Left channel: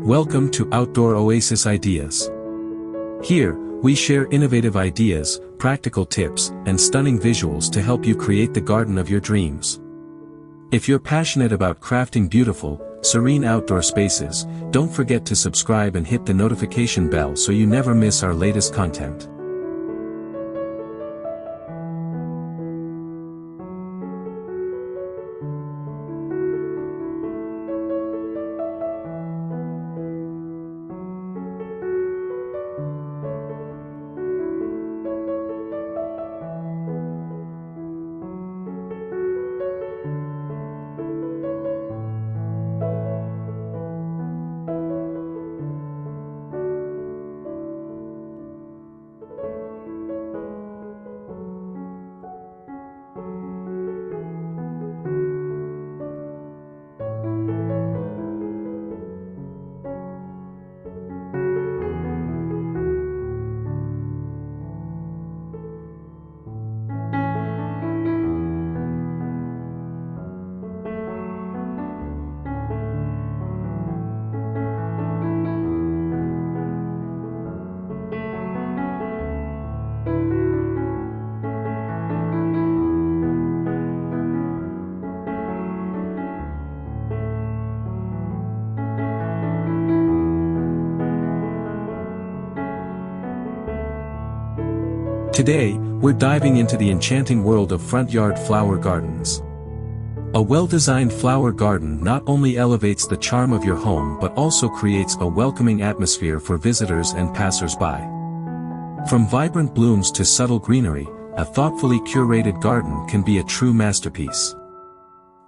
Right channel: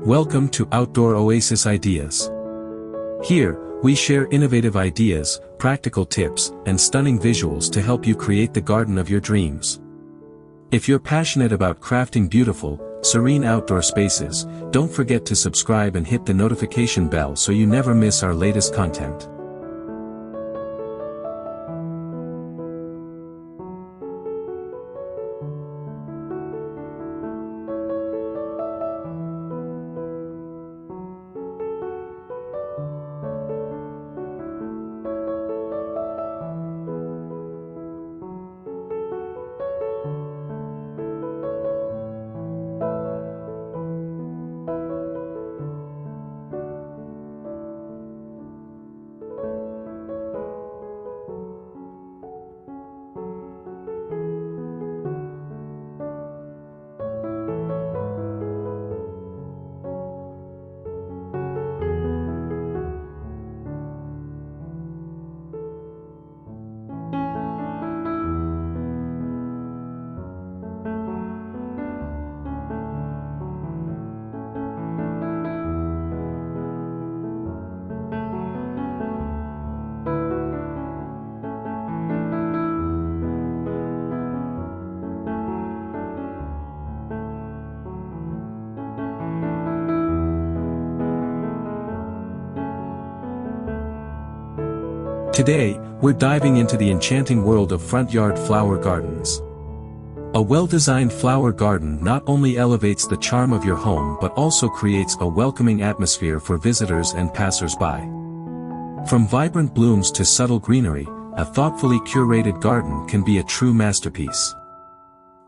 Welcome to Outdoor Oasis Ideas. Here, we share innovative ideas, practical tips, and stunning visuals to help you create the garden of your dreams. If you're passionate about crafting beautiful, serene outdoor spaces, don't forget to subscribe and hit the notification bell so you never miss our latest content. Today, we're diving into the enchanting world of front yard flower gardens. A well-designed flower garden not only elevates the charm of your home but also creates a welcoming atmosphere for visitors and passers-by. From vibrant blooms to subtle greenery, a thoughtfully curated garden can be a true masterpiece.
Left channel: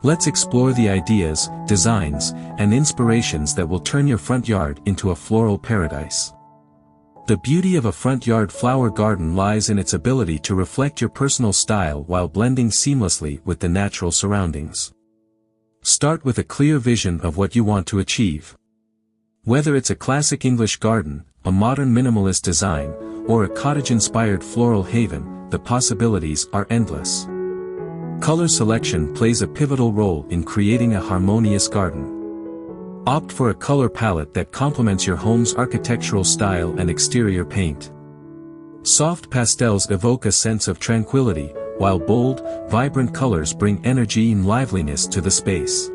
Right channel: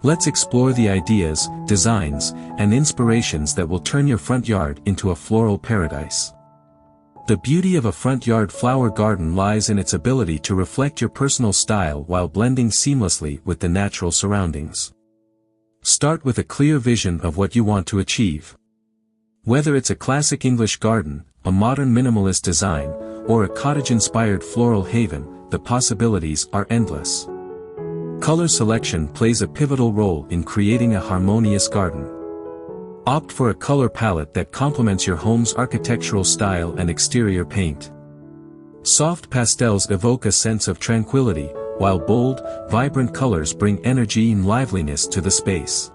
Let's explore the ideas, designs, and inspirations that will turn your front yard into a floral paradise. The beauty of a front yard flower garden lies in its ability to reflect your personal style while blending seamlessly with the natural surroundings. Start with a clear vision of what you want to achieve. Whether it's a classic English garden, a modern minimalist design, or a cottage-inspired floral haven, the possibilities are endless. Color selection plays a pivotal role in creating a harmonious garden. Opt for a color palette that complements your home's architectural style and exterior paint. Soft pastels evoke a sense of tranquility, while bold, vibrant colors bring energy and liveliness to the space.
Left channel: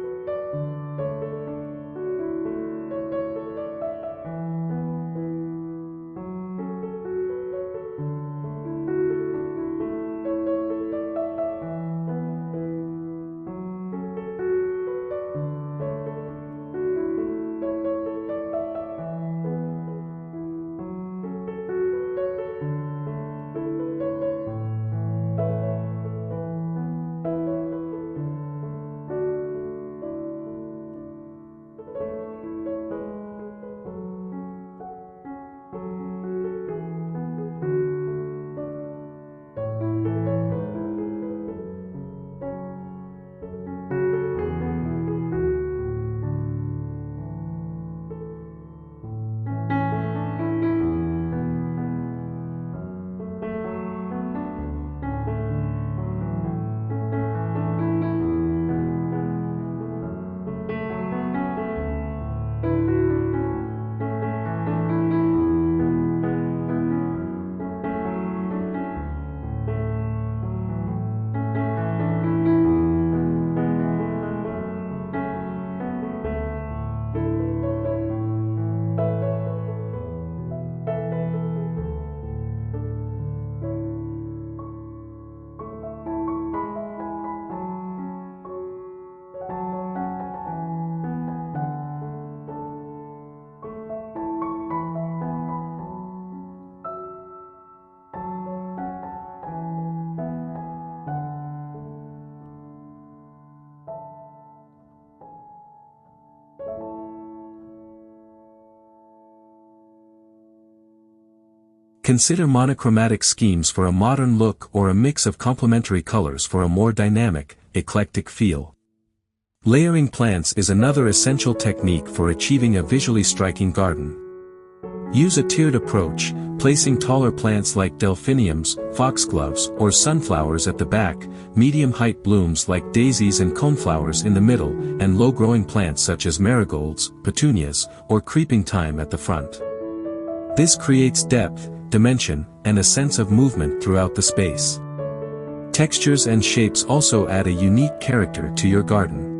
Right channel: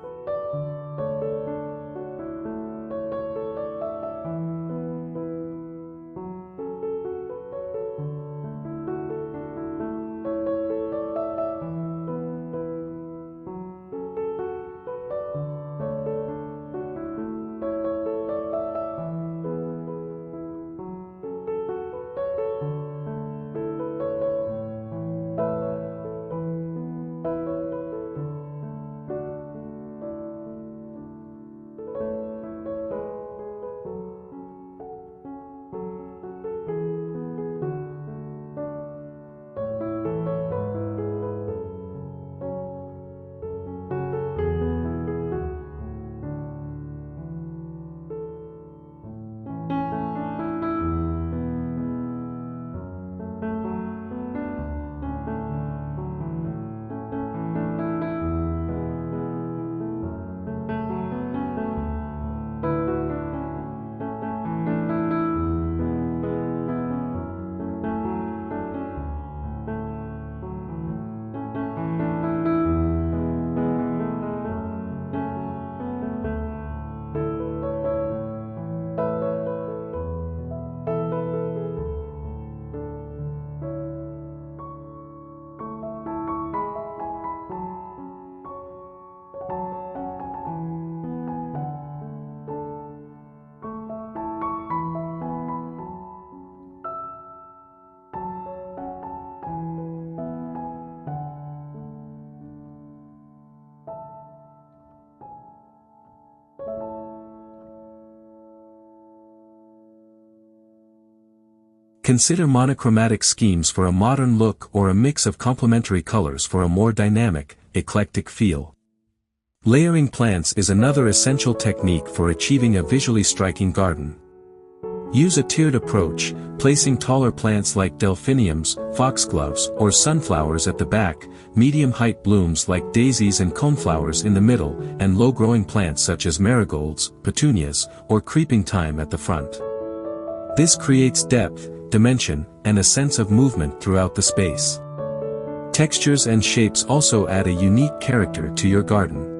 Consider monochromatic schemes for a modern look or a mix of complementary colors for a more dynamic, eclectic feel. Layering plants is another essential technique for achieving a visually striking garden. Use a tiered approach, placing taller plants like delphiniums, foxgloves, or sunflowers at the back, medium-height blooms like daisies and coneflowers in the middle, and low-growing plants such as marigolds, petunias, or creeping thyme at the front. This creates depth, dimension, and a sense of movement throughout the space. Textures and shapes also add a unique character to your garden.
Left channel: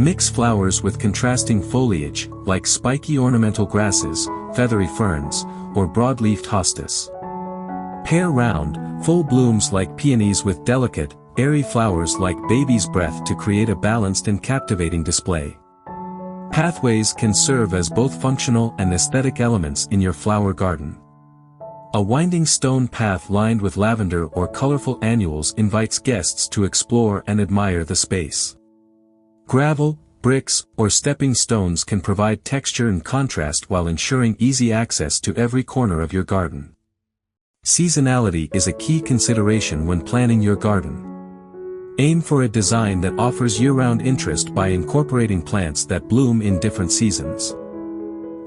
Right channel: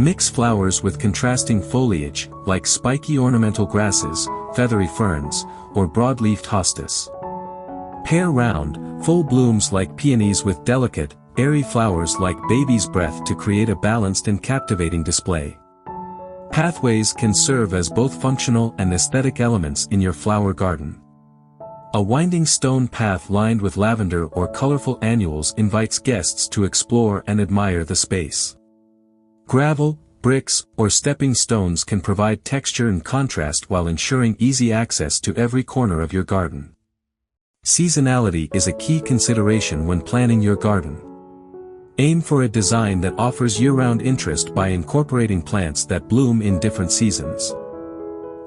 Mix flowers with contrasting foliage, like spiky ornamental grasses, feathery ferns, or broad-leafed hostas. Pair round, full blooms like peonies with delicate, airy flowers like baby's breath to create a balanced and captivating display. Pathways can serve as both functional and aesthetic elements in your flower garden. A winding stone path lined with lavender or colorful annuals invites guests to explore and admire the space. Gravel, bricks, or stepping stones can provide texture and contrast while ensuring easy access to every corner of your garden. Seasonality is a key consideration when planning your garden. Aim for a design that offers year-round interest by incorporating plants that bloom in different seasons.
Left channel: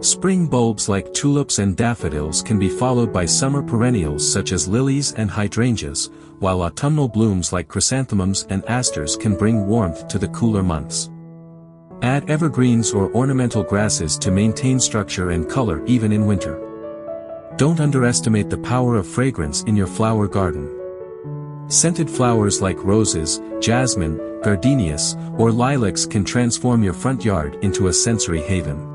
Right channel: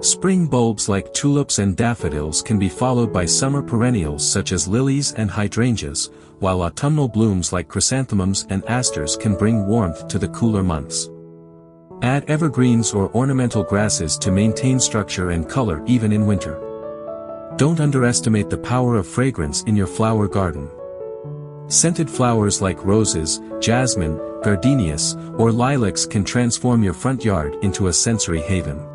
Spring bulbs like tulips and daffodils can be followed by summer perennials such as lilies and hydrangeas, while autumnal blooms like chrysanthemums and asters can bring warmth to the cooler months. Add evergreens or ornamental grasses to maintain structure and color even in winter. Don't underestimate the power of fragrance in your flower garden. Scented flowers like roses, jasmine, gardenias, or lilacs can transform your front yard into a sensory haven.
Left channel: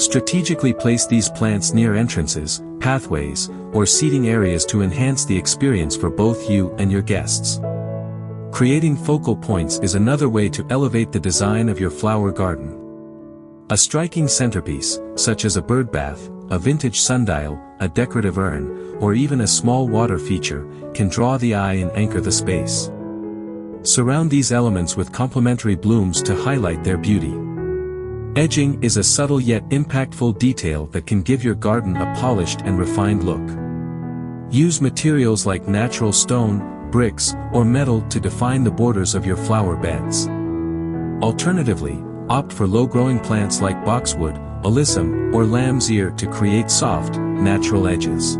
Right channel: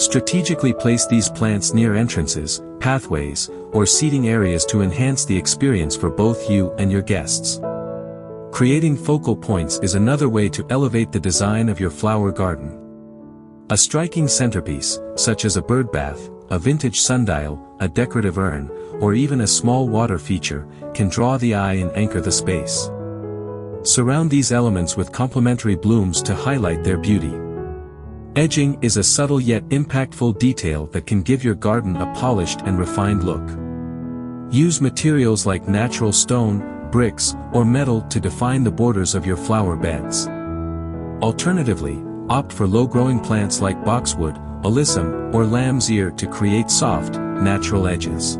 Strategically place these plants near entrances, pathways, or seating areas to enhance the experience for both you and your guests. Creating focal points is another way to elevate the design of your flower garden. A striking centerpiece, such as a bird bath, a vintage sundial, a decorative urn, or even a small water feature, can draw the eye and anchor the space. Surround these elements with complementary blooms to highlight their beauty. Edging is a subtle yet impactful detail that can give your garden a polished and refined look. Use materials like natural stone, bricks, or metal to define the borders of your flower beds. Alternatively, opt for low-growing plants like boxwood, alyssum, or lamb's ear to create soft, natural edges.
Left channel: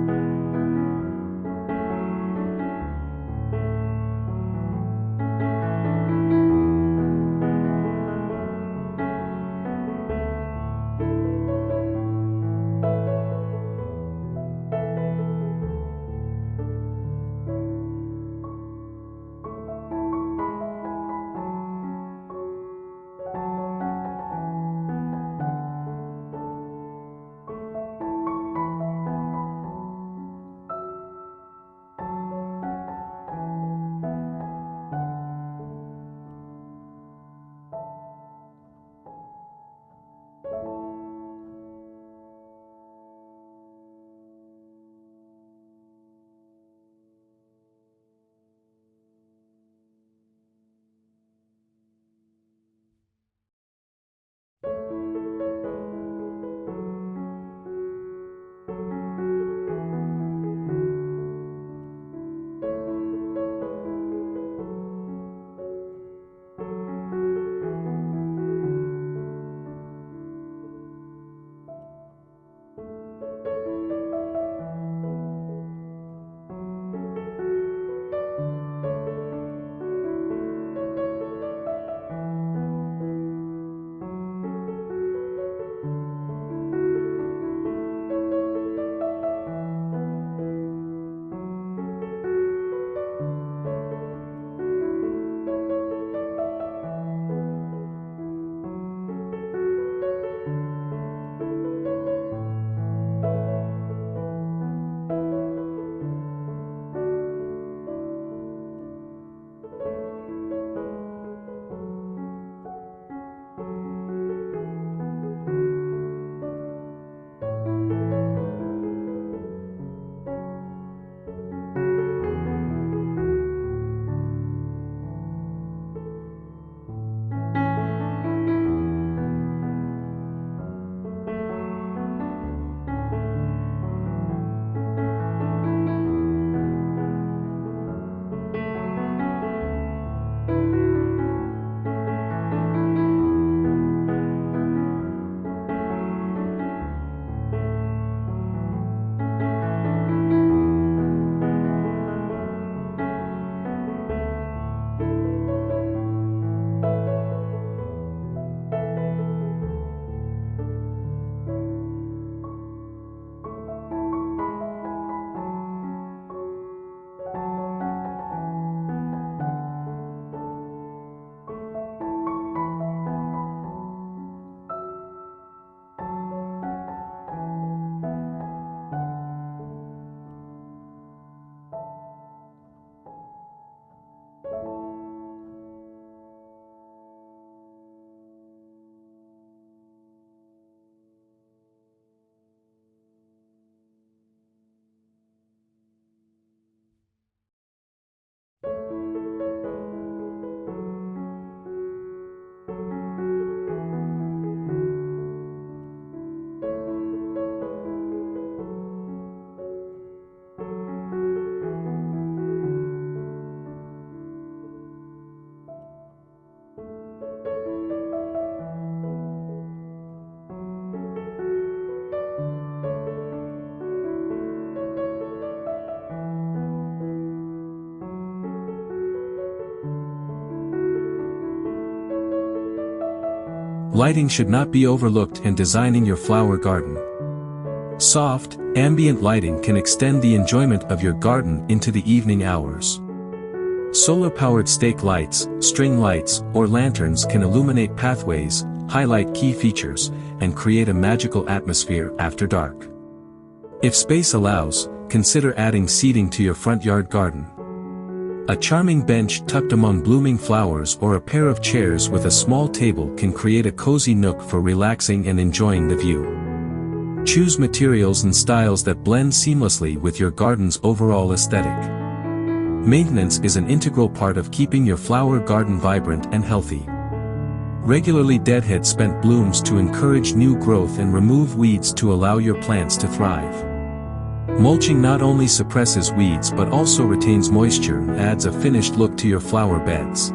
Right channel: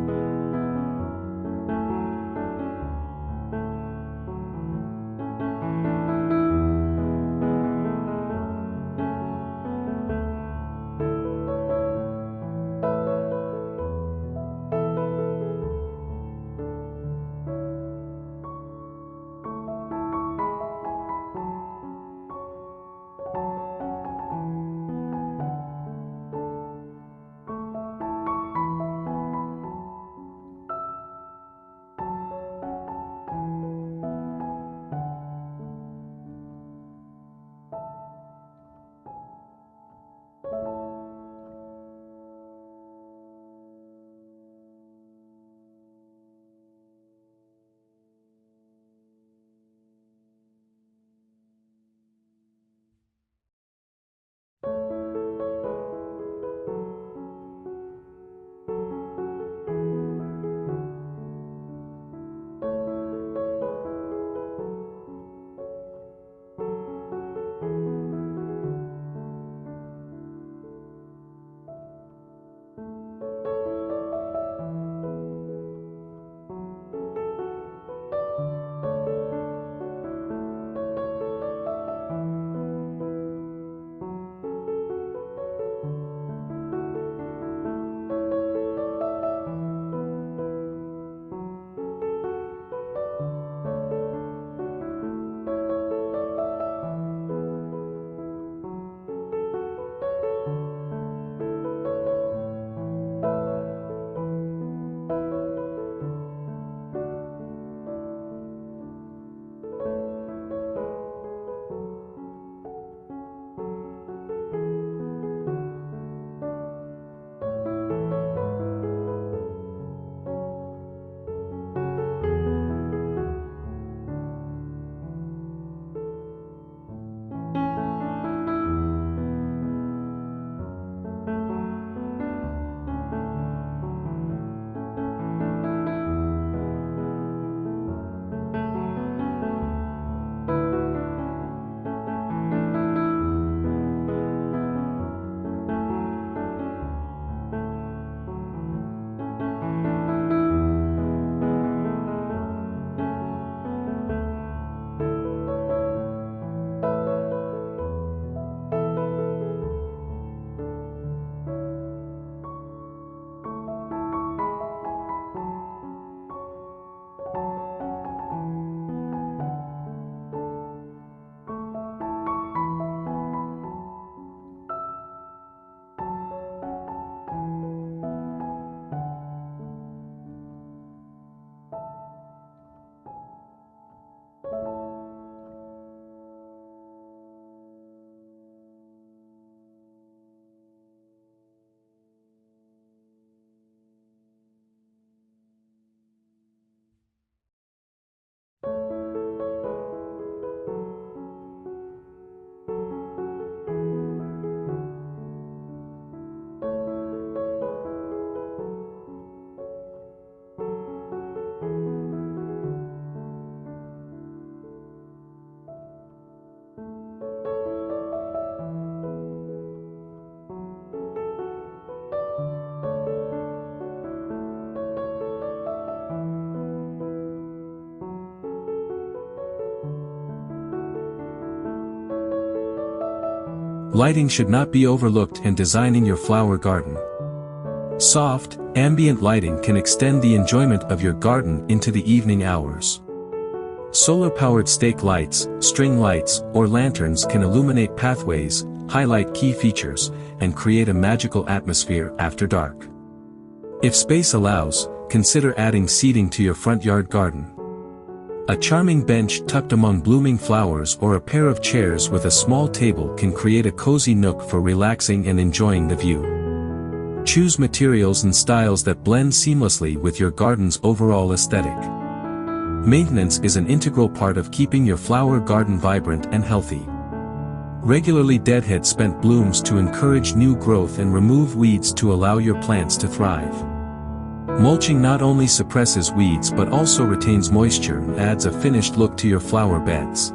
Lighting should not be overlooked in designing your flower garden. Soft, ambient lighting can extend the enjoyment of your garden into the evening hours. Solar-powered stake lights, string lights, or lanterns can illuminate pathways, highlight key features, and create a magical atmosphere after dark. If space allows, consider adding seating to your front yard garden. A charming bench tucked among blooming flowers or a pair of chairs with a small table can create a cozy nook for relaxing and enjoying the view. Choose materials and styles that blend seamlessly with your garden's overall aesthetic. Maintenance is an integral part of keeping your flower garden vibrant and healthy. Regularly deadhead spent blooms to encourage new growth and remove weeds to allow your plants to thrive. Mulching not only suppresses weeds but also retains moisture and adds a finished look to your flower beds.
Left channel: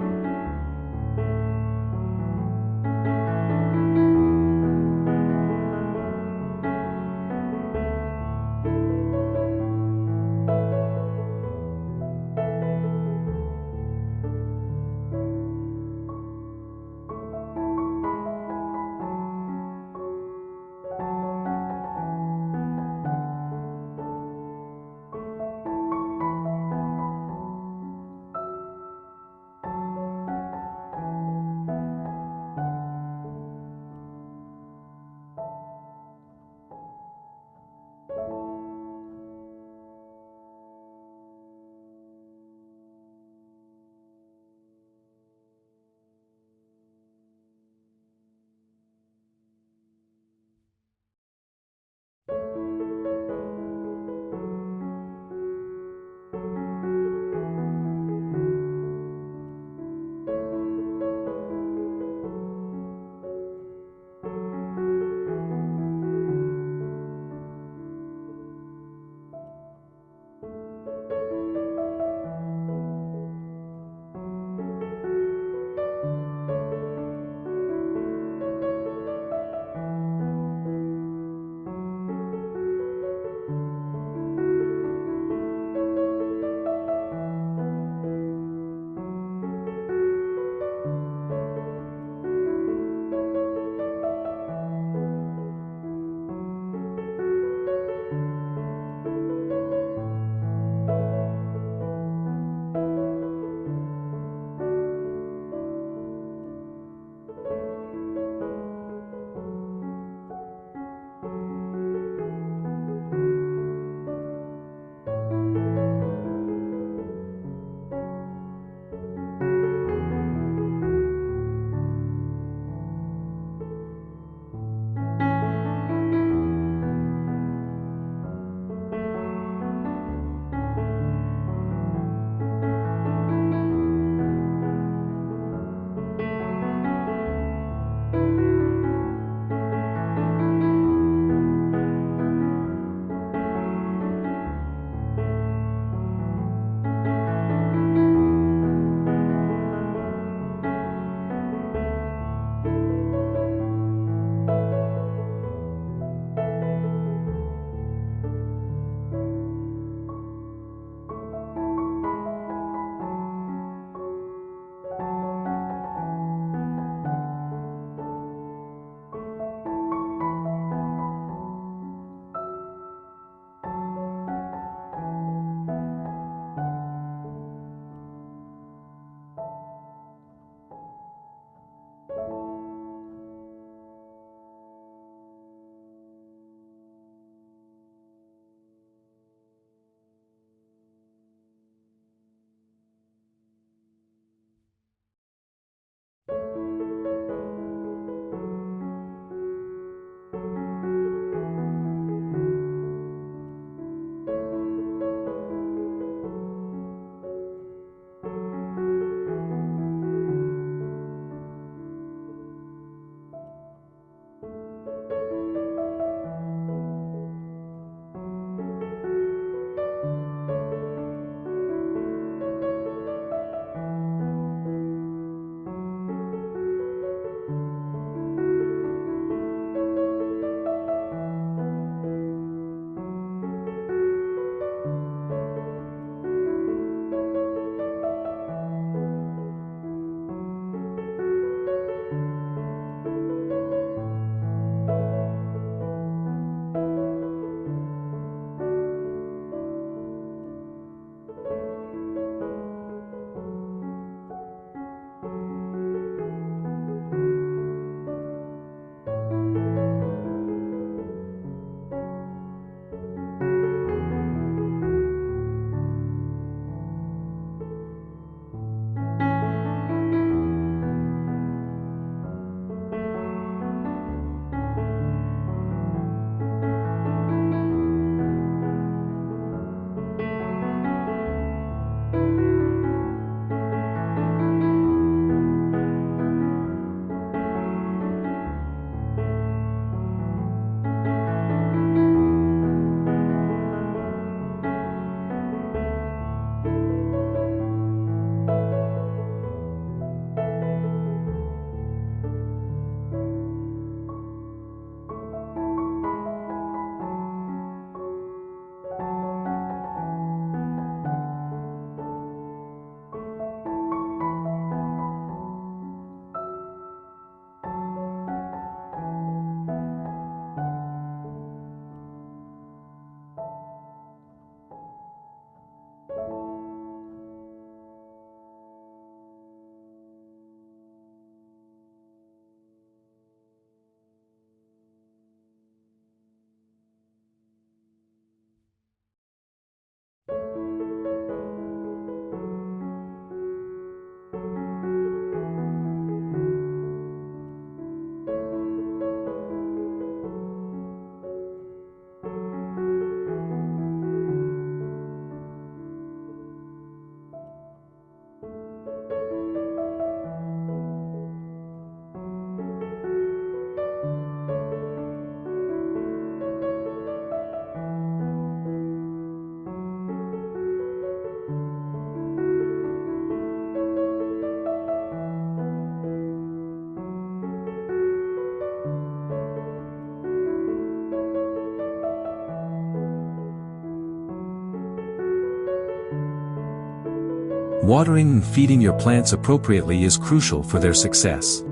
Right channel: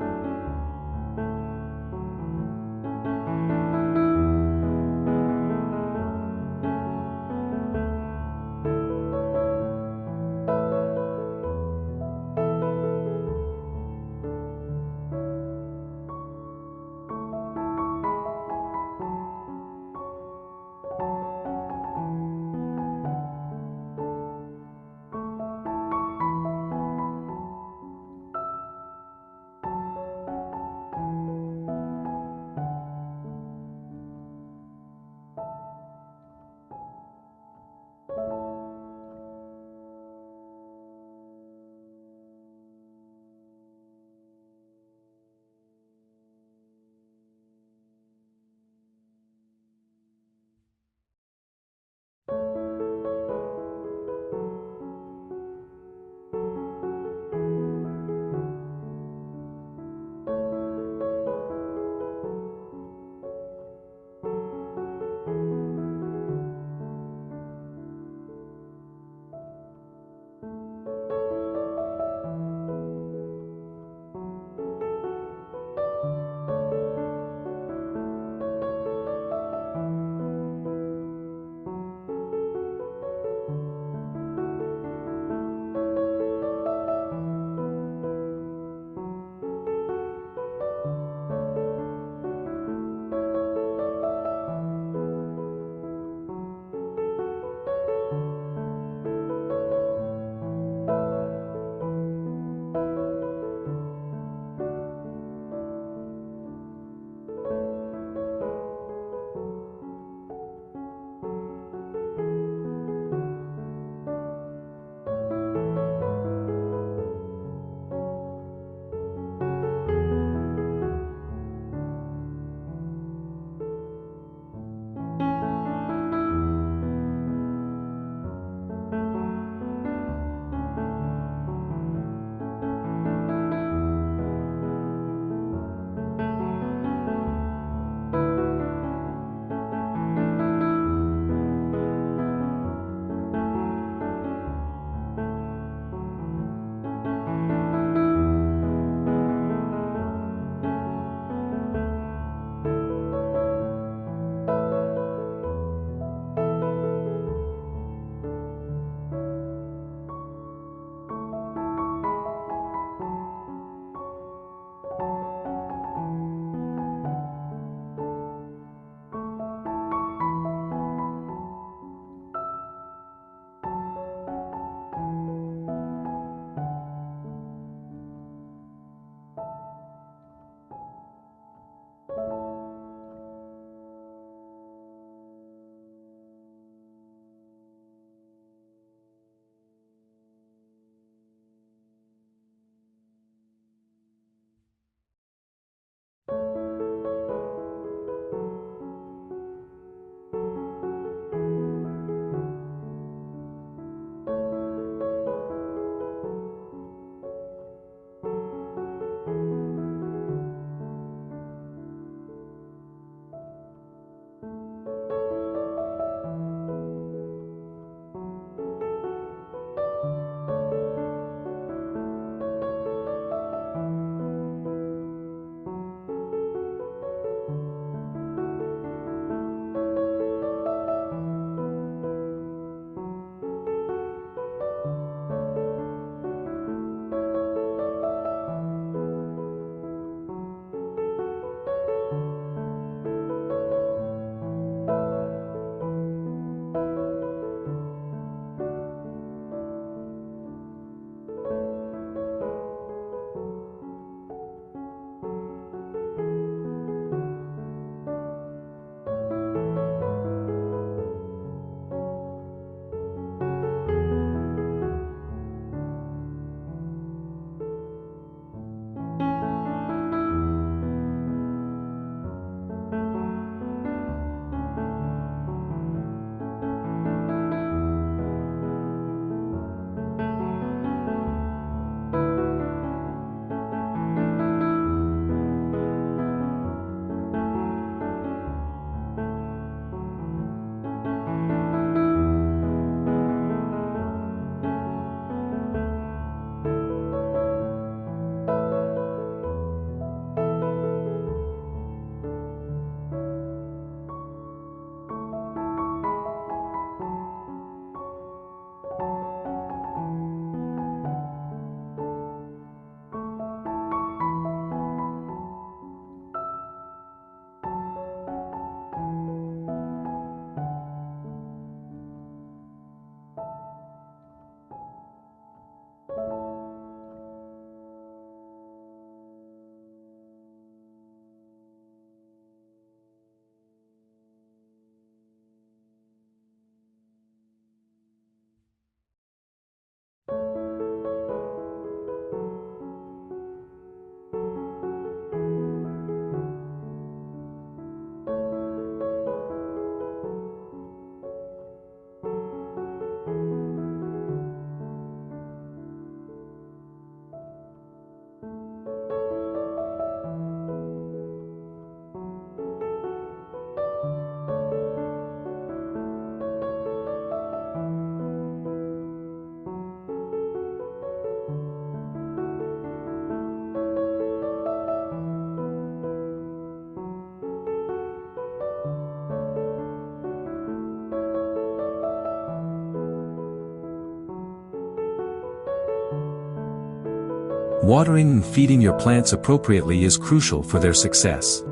Watering and feeding your plants appropriately is crucial for their success.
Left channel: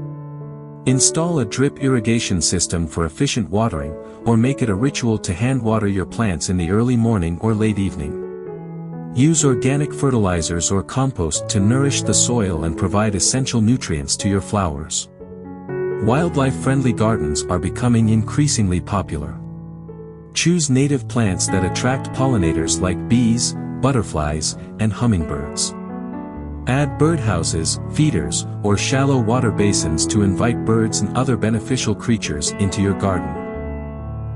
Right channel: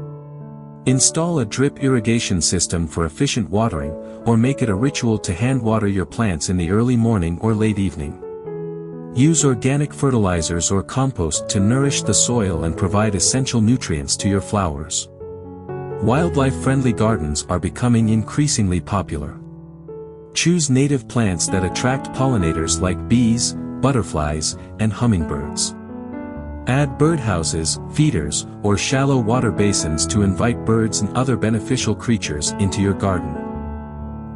Install a drip irrigation system for efficient watering, or make it a ritual to hand water your plants in the early morning or late evening. Use organic fertilizers or compost to nourish the soil and provide essential nutrients to your flowers. Wildlife-friendly gardens are becoming increasingly popular. Choose native plants that attract pollinators like bees, butterflies, and hummingbirds. Add birdhouses, feeders, or shallow water basins to invite birds and other beneficial creatures into your garden.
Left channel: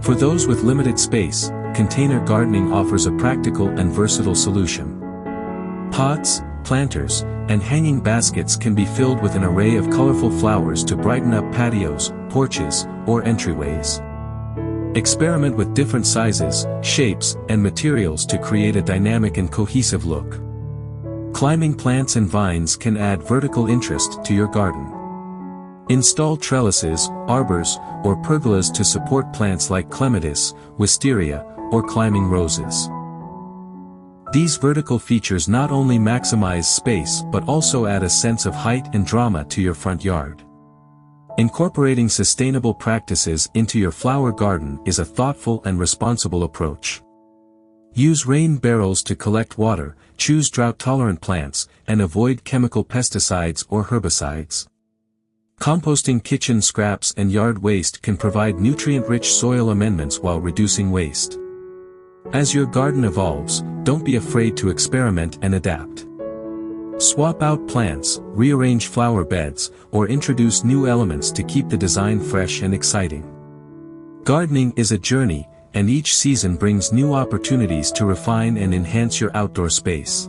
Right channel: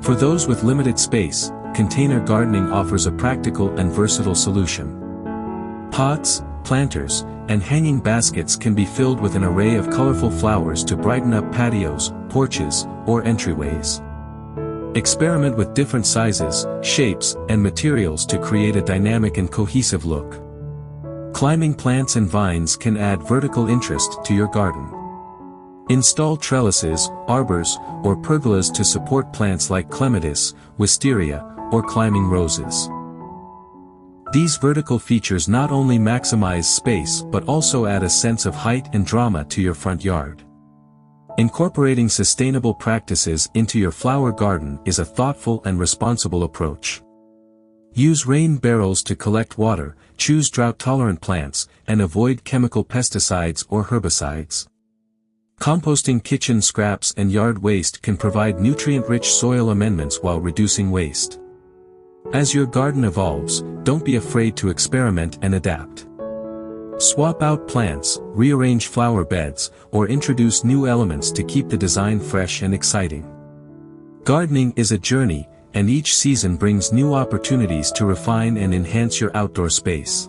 For those with limited space, container gardening offers a practical and versatile solution. Pots, planters, and hanging baskets can be filled with an array of colorful flowers to brighten up patios, porches, or entryways. Experiment with different sizes, shapes, and materials to create a dynamic and cohesive look. Climbing plants and vines can add vertical interest to your garden. Install trellises, arbors, or pergolas to support plants like clematis, wisteria, or climbing roses. These vertical features not only maximize space but also add a sense of height and drama to your front yard. Incorporating sustainable practices into your flower garden is a thoughtful and responsible approach. Use rain barrels to collect water, choose drought-tolerant plants, and avoid chemical pesticides or herbicides. Composting kitchen scraps and yard waste can provide nutrient-rich soil amendments while reducing waste. As your garden evolves, don't be afraid to experiment and adapt. Swap out plants, rearrange flower beds, or introduce new elements to keep the design fresh and exciting. Gardening is a journey, and each season brings new opportunities to refine and enhance your outdoor space.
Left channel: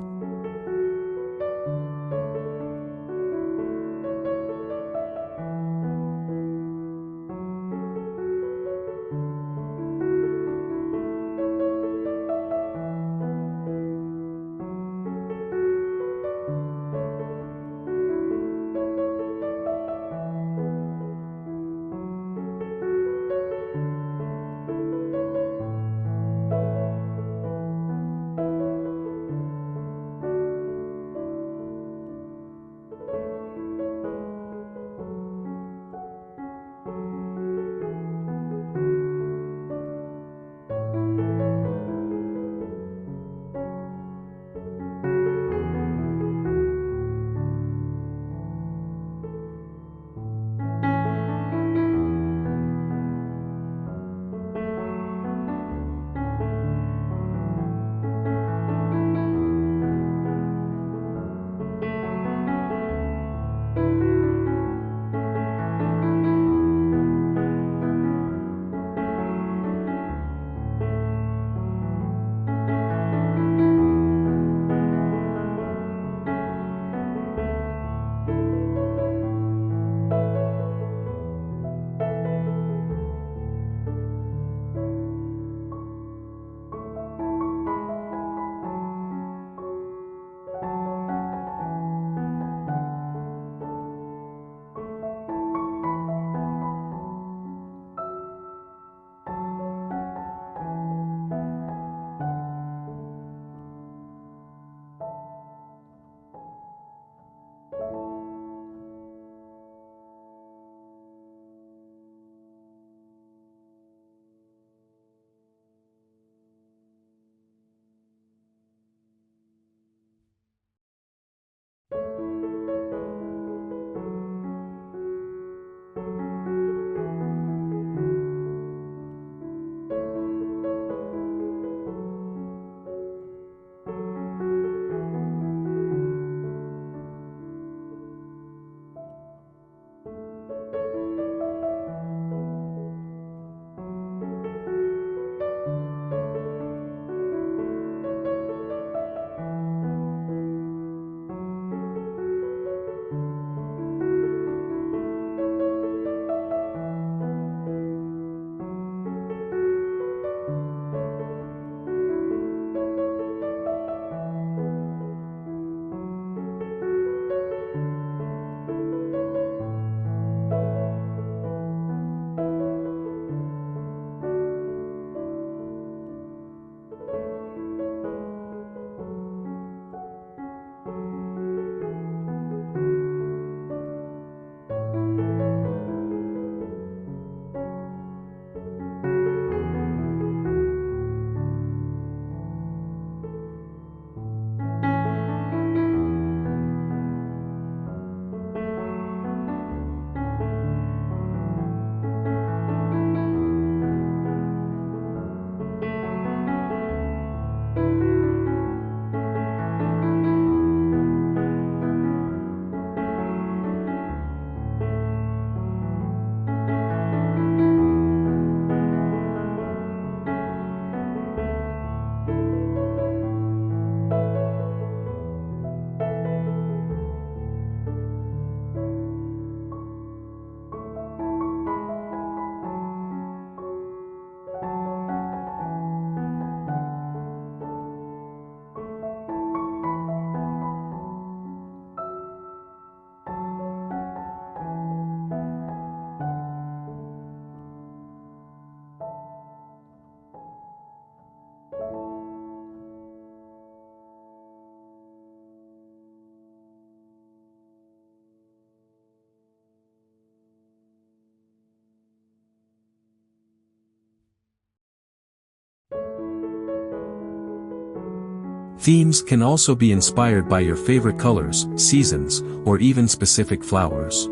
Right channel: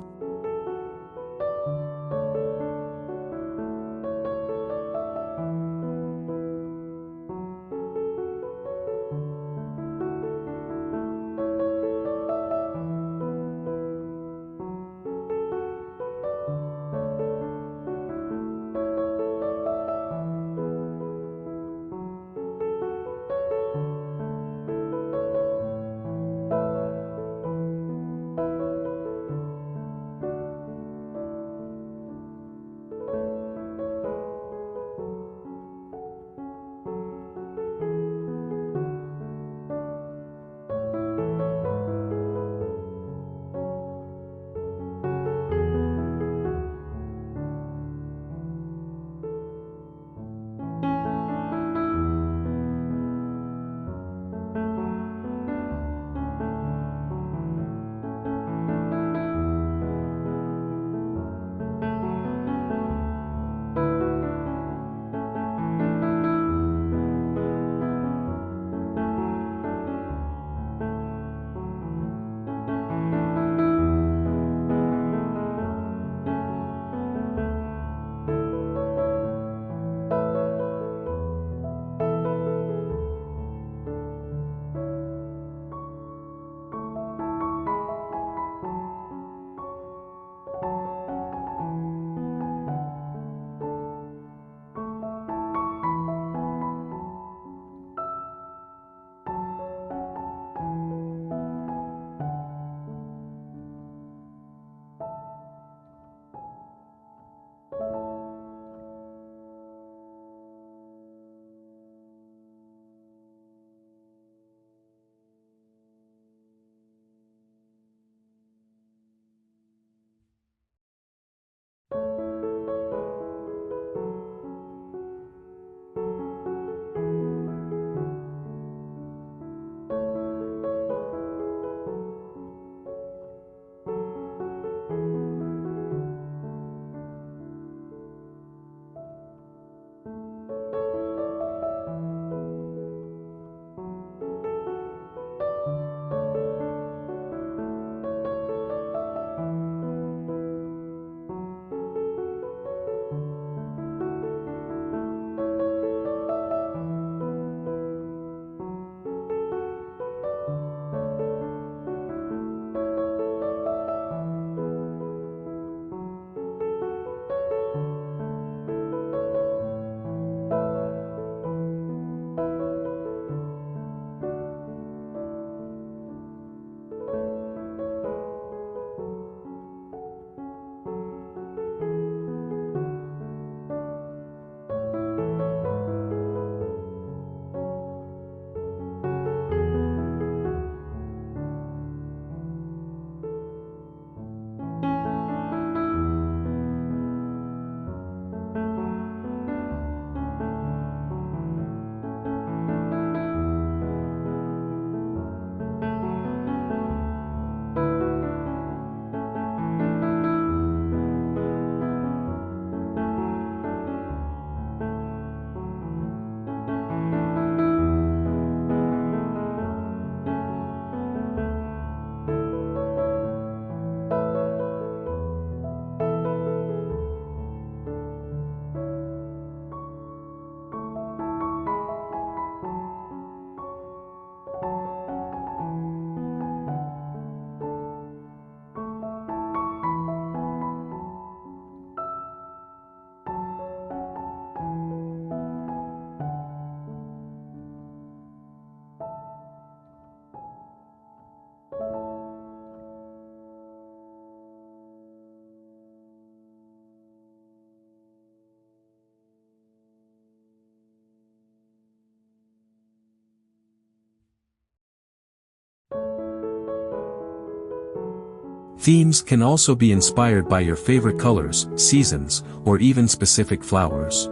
Themes can also be inspired by your favorite colors, seasons, or even specific flowers.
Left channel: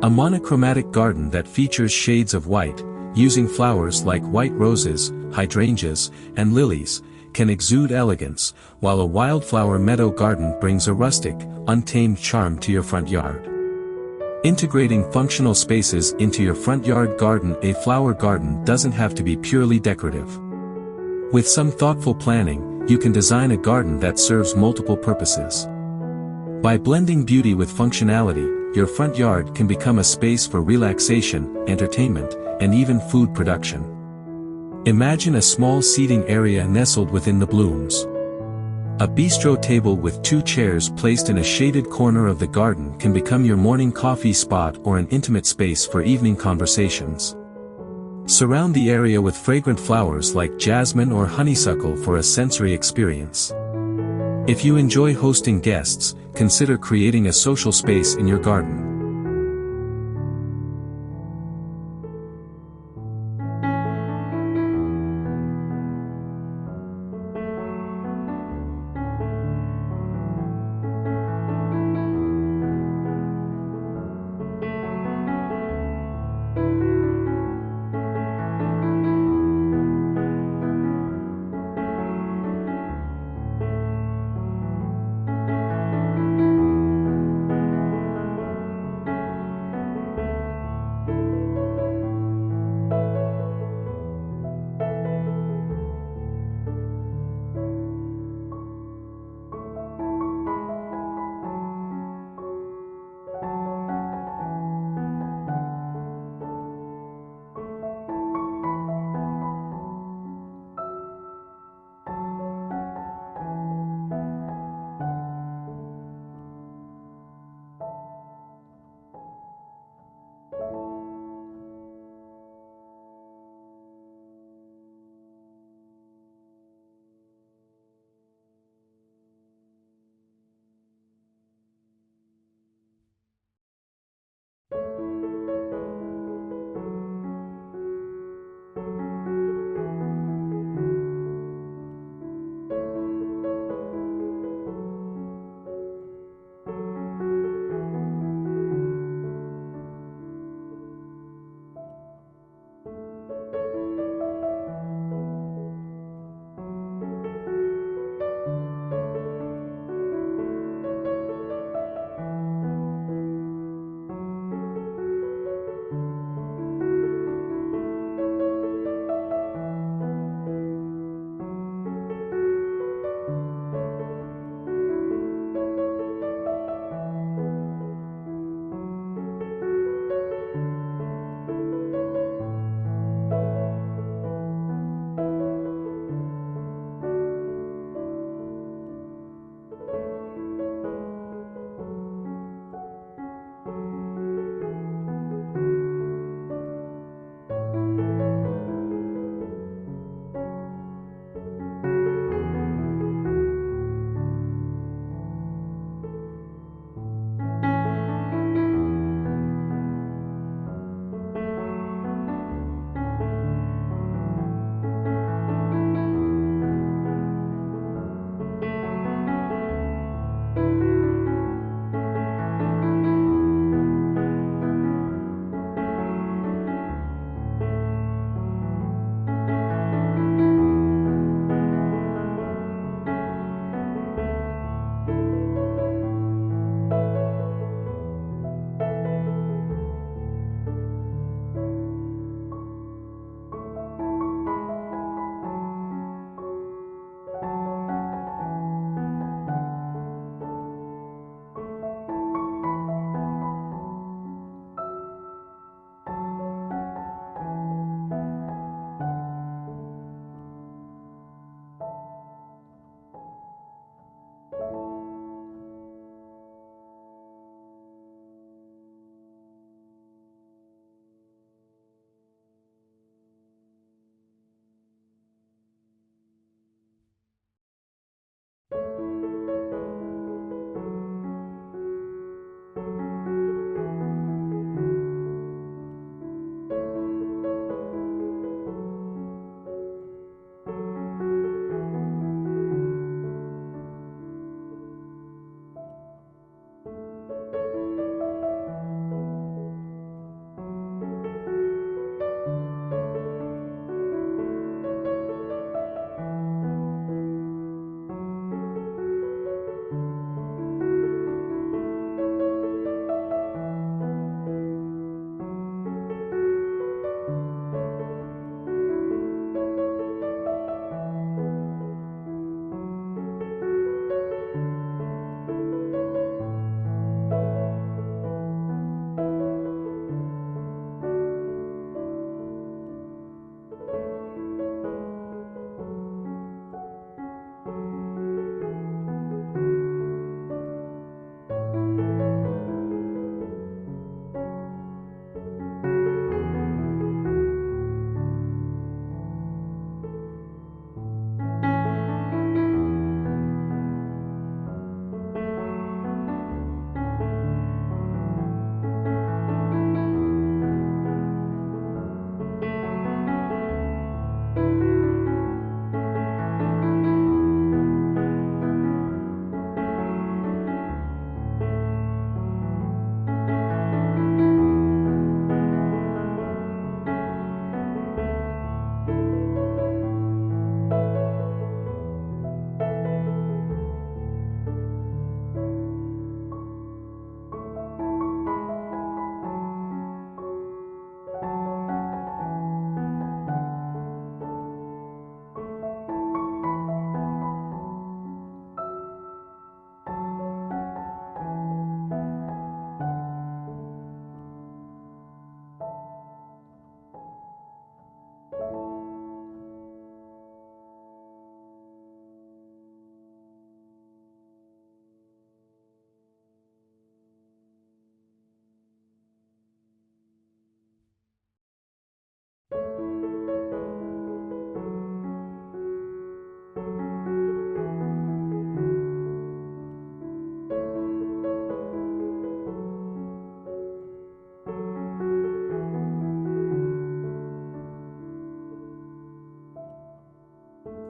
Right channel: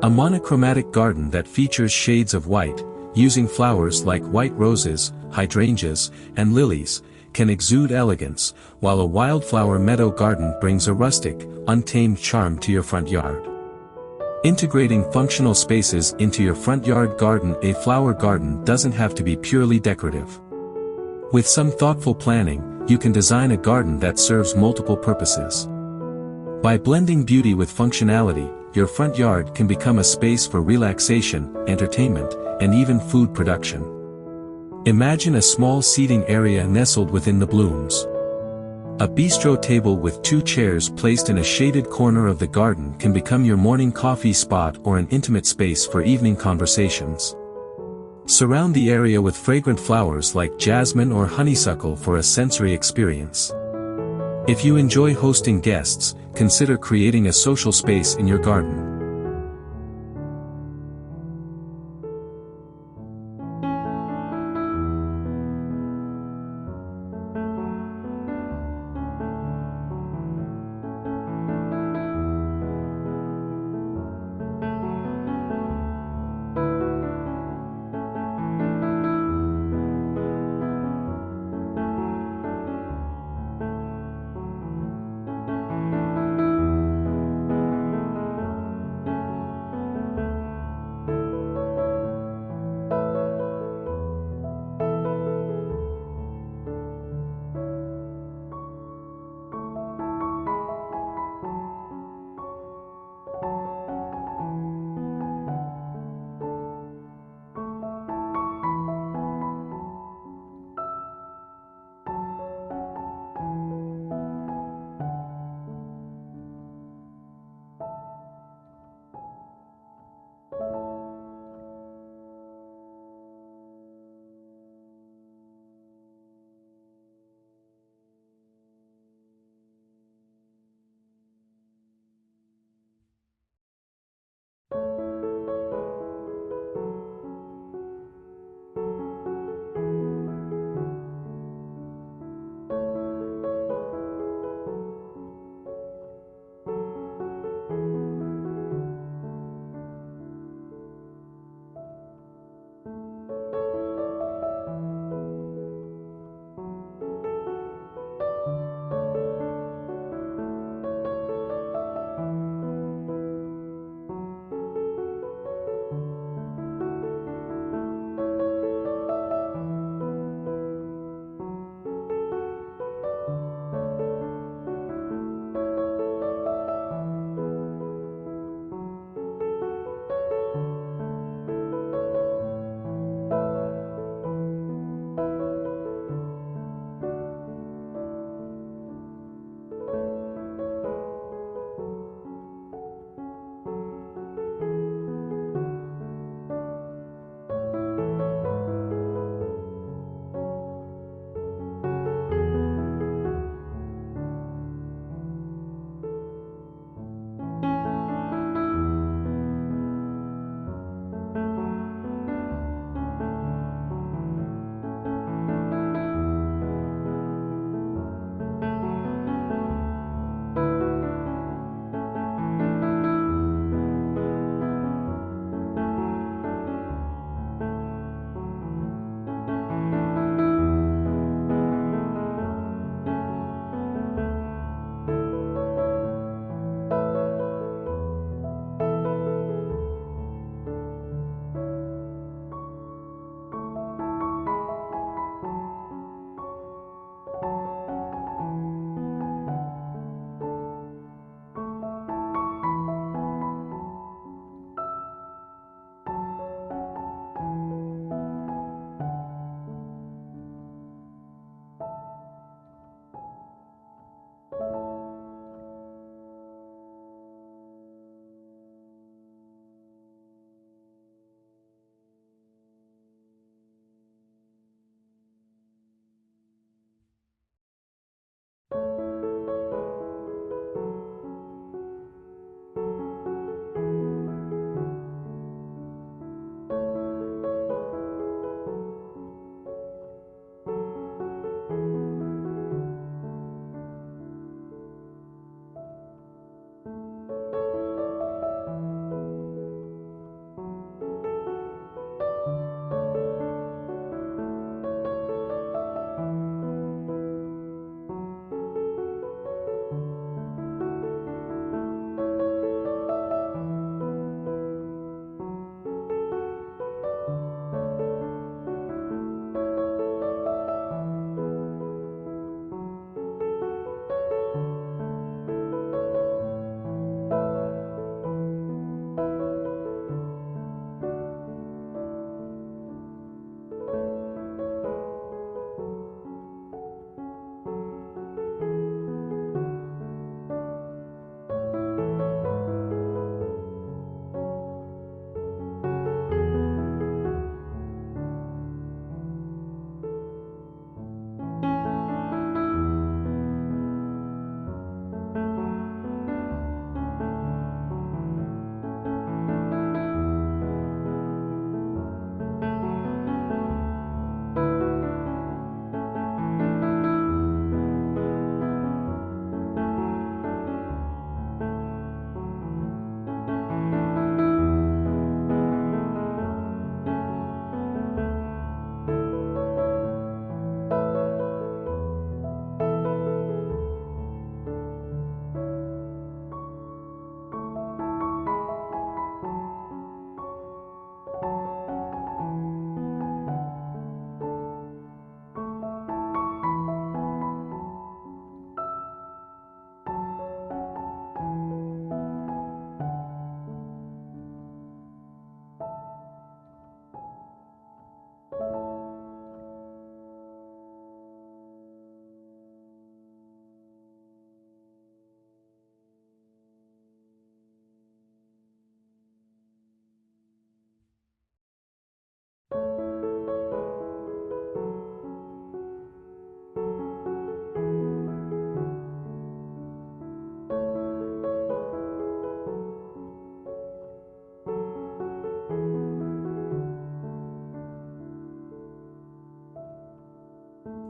A monochromatic garden that features shades of white, using flowers like white roses, hydrangeas, and lilies, can exude elegance, while a wildflower meadow garden brings a rustic, untamed charm to your front yard. Integrating functional spaces into your front yard garden. A flower garden doesn't have to be purely decorative. With some thoughtful planning, you can design a garden that serves multiple purposes. By blending beauty with functionality, your front yard can become a space for relaxation, entertainment, and even food production. Imagine a small seating area nestled within the blooms. A bistro table with 2 chairs placed in a shaded corner of the garden can become your morning coffee spot or an intimate space for evening conversations. Surround the area with fragrant flowers like jasmine or honeysuckle for a sensory experience. If you enjoy hosting guests, consider creating a social space in your garden.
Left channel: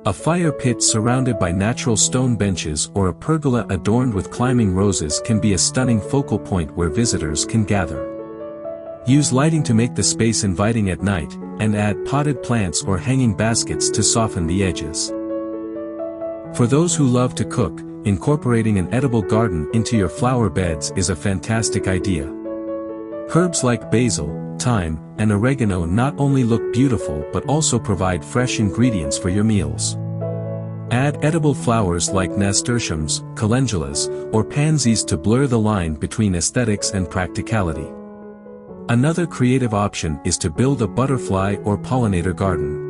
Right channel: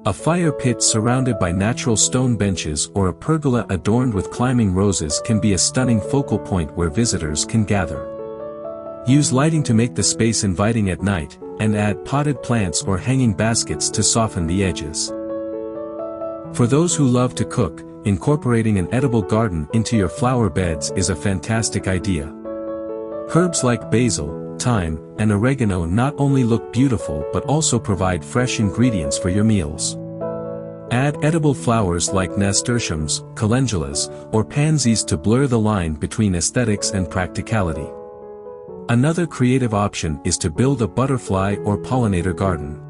A fire pit surrounded by natural stone benches or a pergola adorned with climbing roses can be a stunning focal point where visitors can gather. Use lighting to make the space inviting at night, and add potted plants or hanging baskets to soften the edges. For those who love to cook, incorporating an edible garden into your flower beds is a fantastic idea. Herbs like basil, thyme, and oregano not only look beautiful but also provide fresh ingredients for your meals. Add edible flowers like nasturtiums, calendulas, or pansies to blur the line between aesthetics and practicality. Another creative option is to build a butterfly or pollinator garden.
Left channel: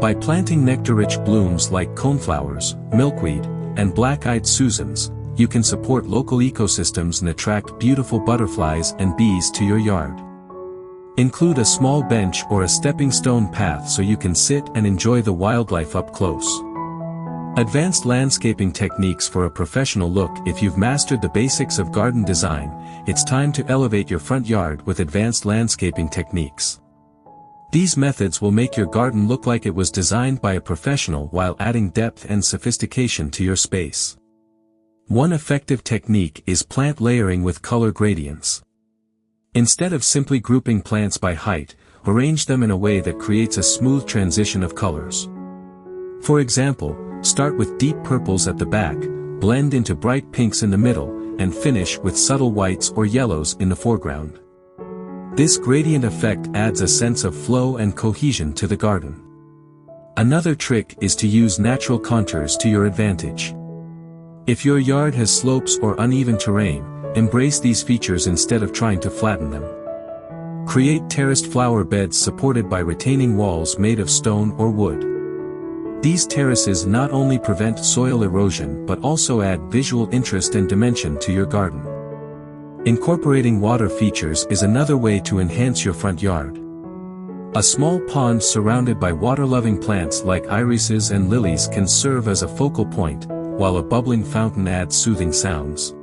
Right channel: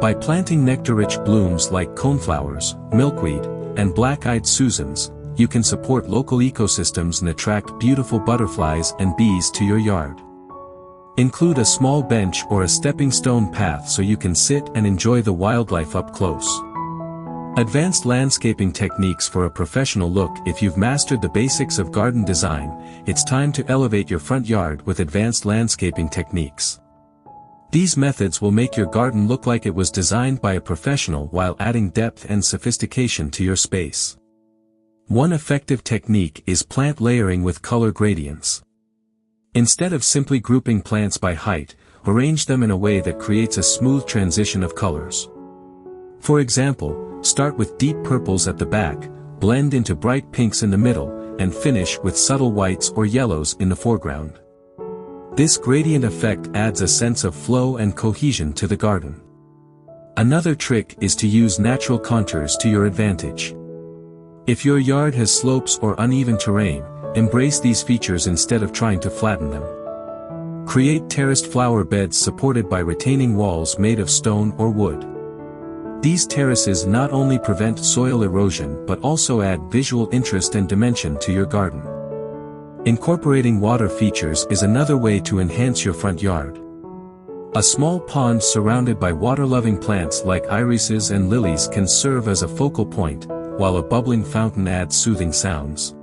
By planting nectar-rich blooms like coneflowers, milkweed, and black-eyed Susans, you can support local ecosystems and attract beautiful butterflies and bees to your yard. Include a small bench or a stepping stone path so you can sit and enjoy the wildlife up close. Advanced landscaping techniques for a professional look. If you've mastered the basics of garden design, it's time to elevate your front yard with advanced landscaping techniques. These methods will make your garden look like it was designed by a professional while adding depth and sophistication to your space. One effective technique is plant layering with color gradients. Instead of simply grouping plants by height, arrange them in a way that creates a smooth transition of colors. For example, start with deep purples at the back, blend into bright pinks in the middle, and finish with subtle whites or yellows in the foreground. This gradient effect adds a sense of flow and cohesion to the garden. Another trick is to use natural contours to your advantage. If your yard has slopes or uneven terrain, embrace these features instead of trying to flatten them. Create terraced flower beds supported by retaining walls made of stone or wood. These terraces not only prevent soil erosion but also add visual interest and dimension to your garden. Incorporating water features is another way to enhance your front yard. A small pond surrounded by water-loving plants like irises and lilies can serve as a focal point, while a bubbling fountain adds soothing sounds.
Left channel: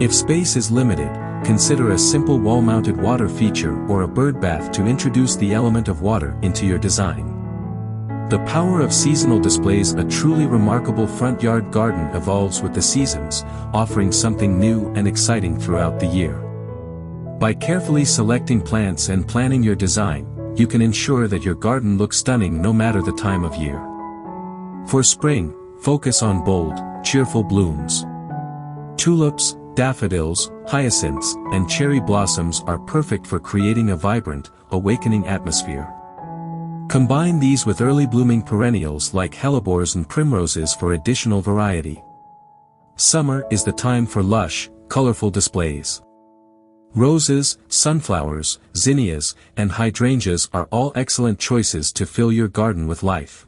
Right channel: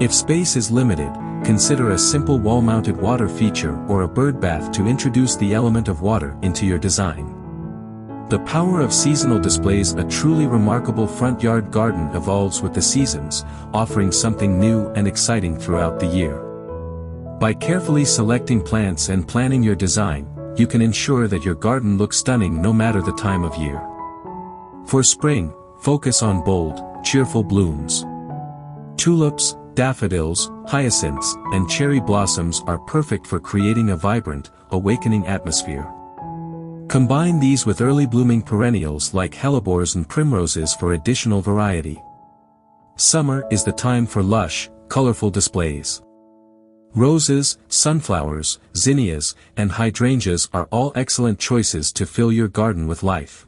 If space is limited, consider a simple wall-mounted water feature or a bird bath to introduce the element of water into your design. The power of seasonal displays. A truly remarkable front yard garden evolves with the seasons, offering something new and exciting throughout the year. By carefully selecting plants and planning your design, you can ensure that your garden looks stunning no matter the time of year. For spring, focus on bold, cheerful blooms. Tulips, daffodils, hyacinths, and cherry blossoms are perfect for creating a vibrant, awakening atmosphere. Combine these with early blooming perennials like hellebores and primroses for additional variety. Summer is the time for lush, colorful displays. Roses, sunflowers, zinnias, and hydrangeas are all excellent choices to fill your garden with life.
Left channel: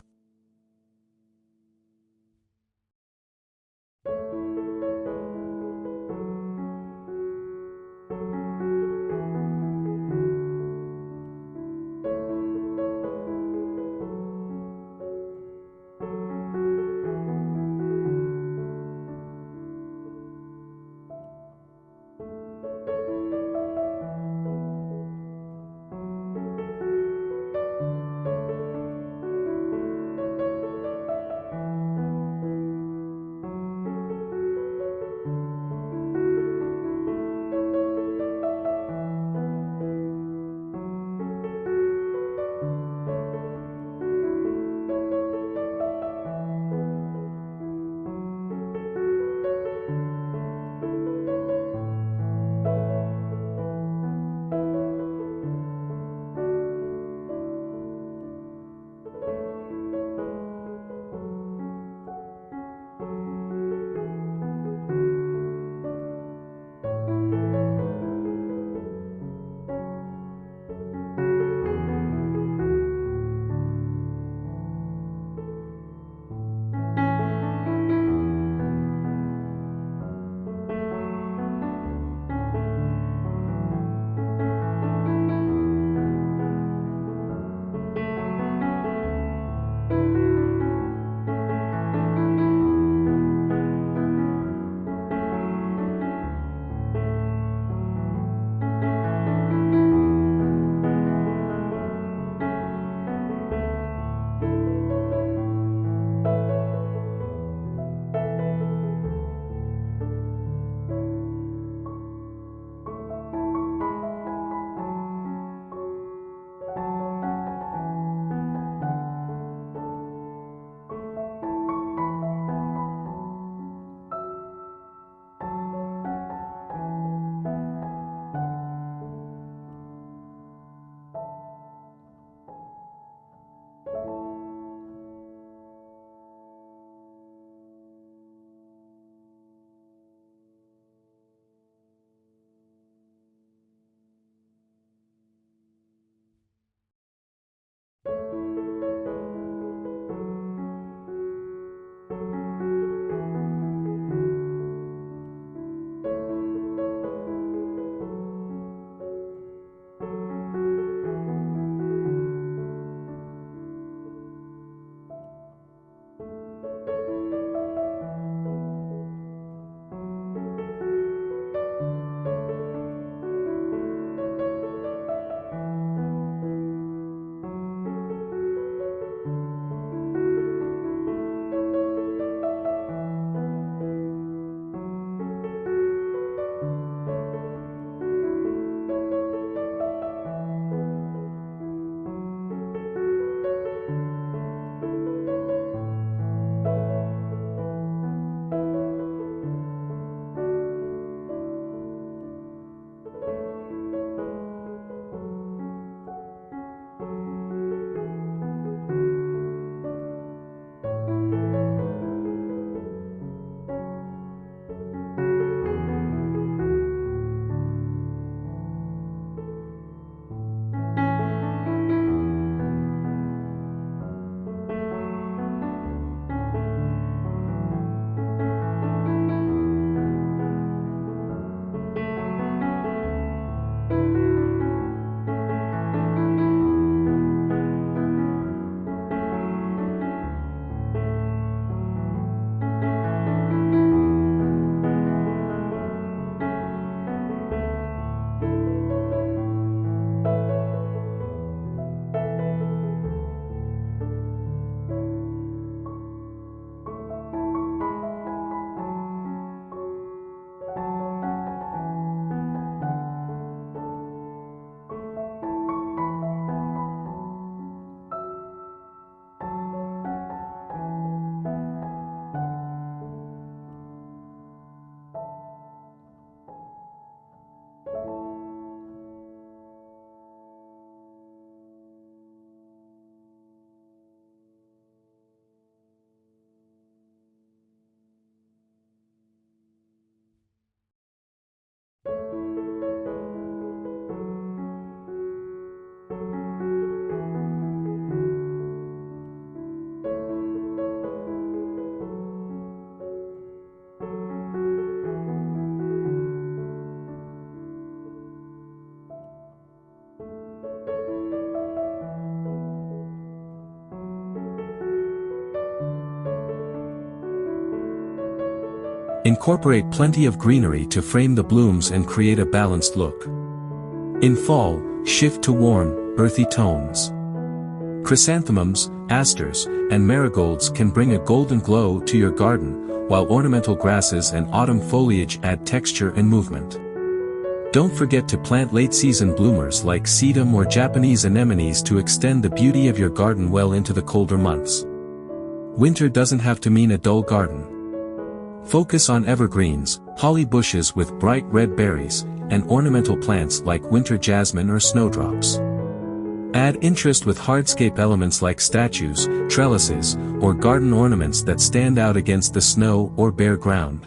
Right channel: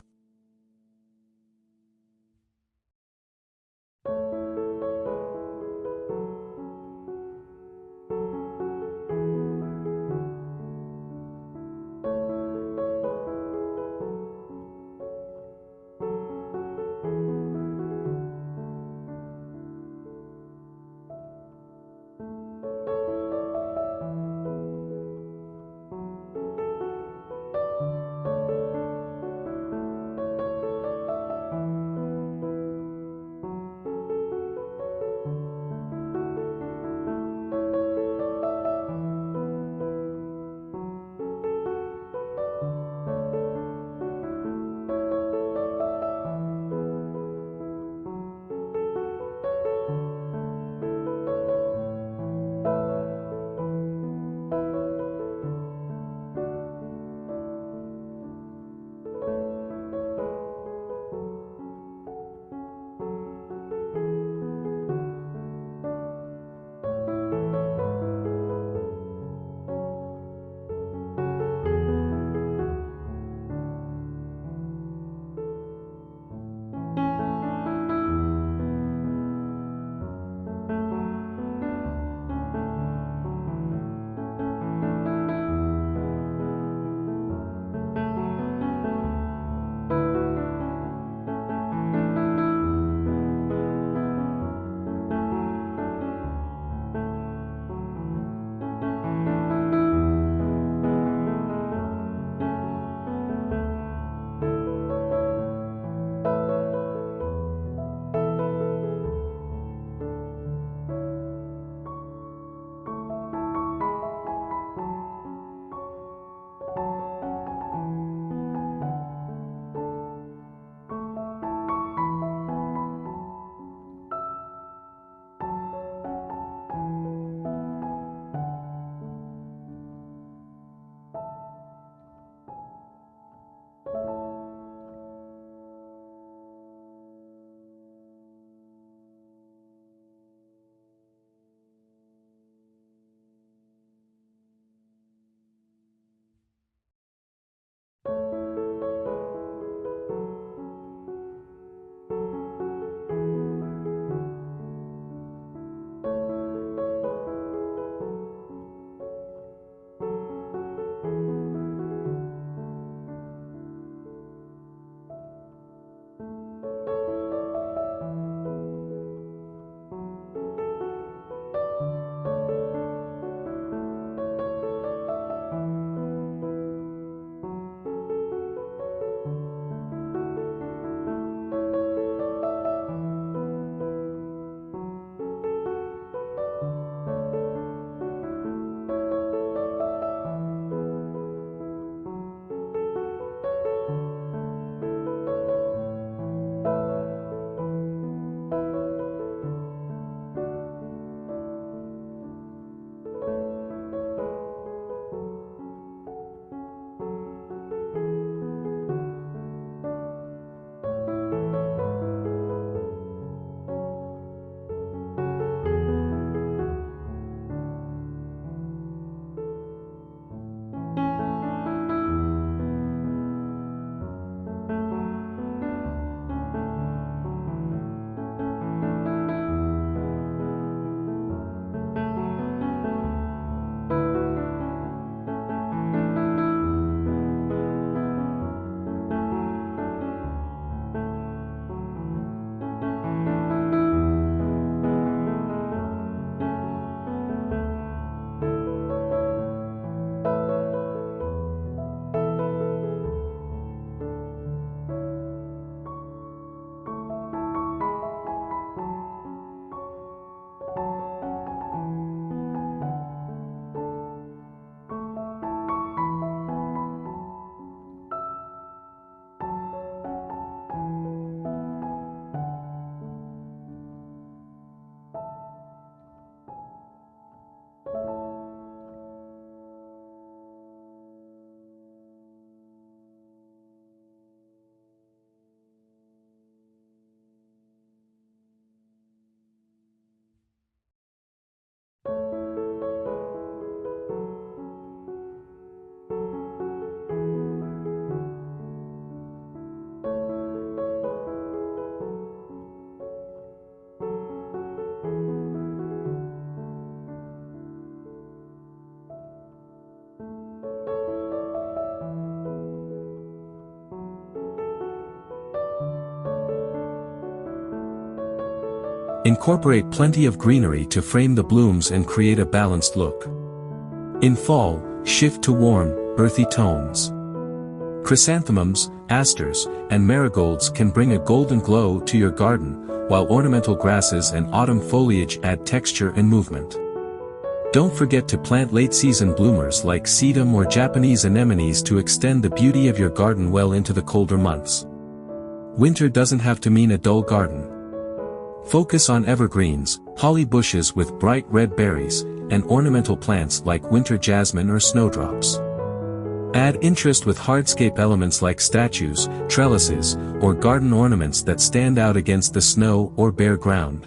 Incorporate plenty of greenery to frame the blooms and create a balanced look. In fall, shift to warm, earthy tones. Chrysanthemums, asters, and marigolds can bring a golden glow to your garden, while ornamental grasses and autumn foliage add texture and movement. Don't forget to plant late-season bloomers like sedum or Japanese anemones to extend the beauty of your garden well into the colder months. Winter doesn't have to mean a dull garden. Focus on evergreens, holly bushes with bright red berries, and ornamental plants like winter jasmine or snowdrops. Add interest with hardscape elements like statues, trellises, or garden ornaments that stand out against the snow or bare ground.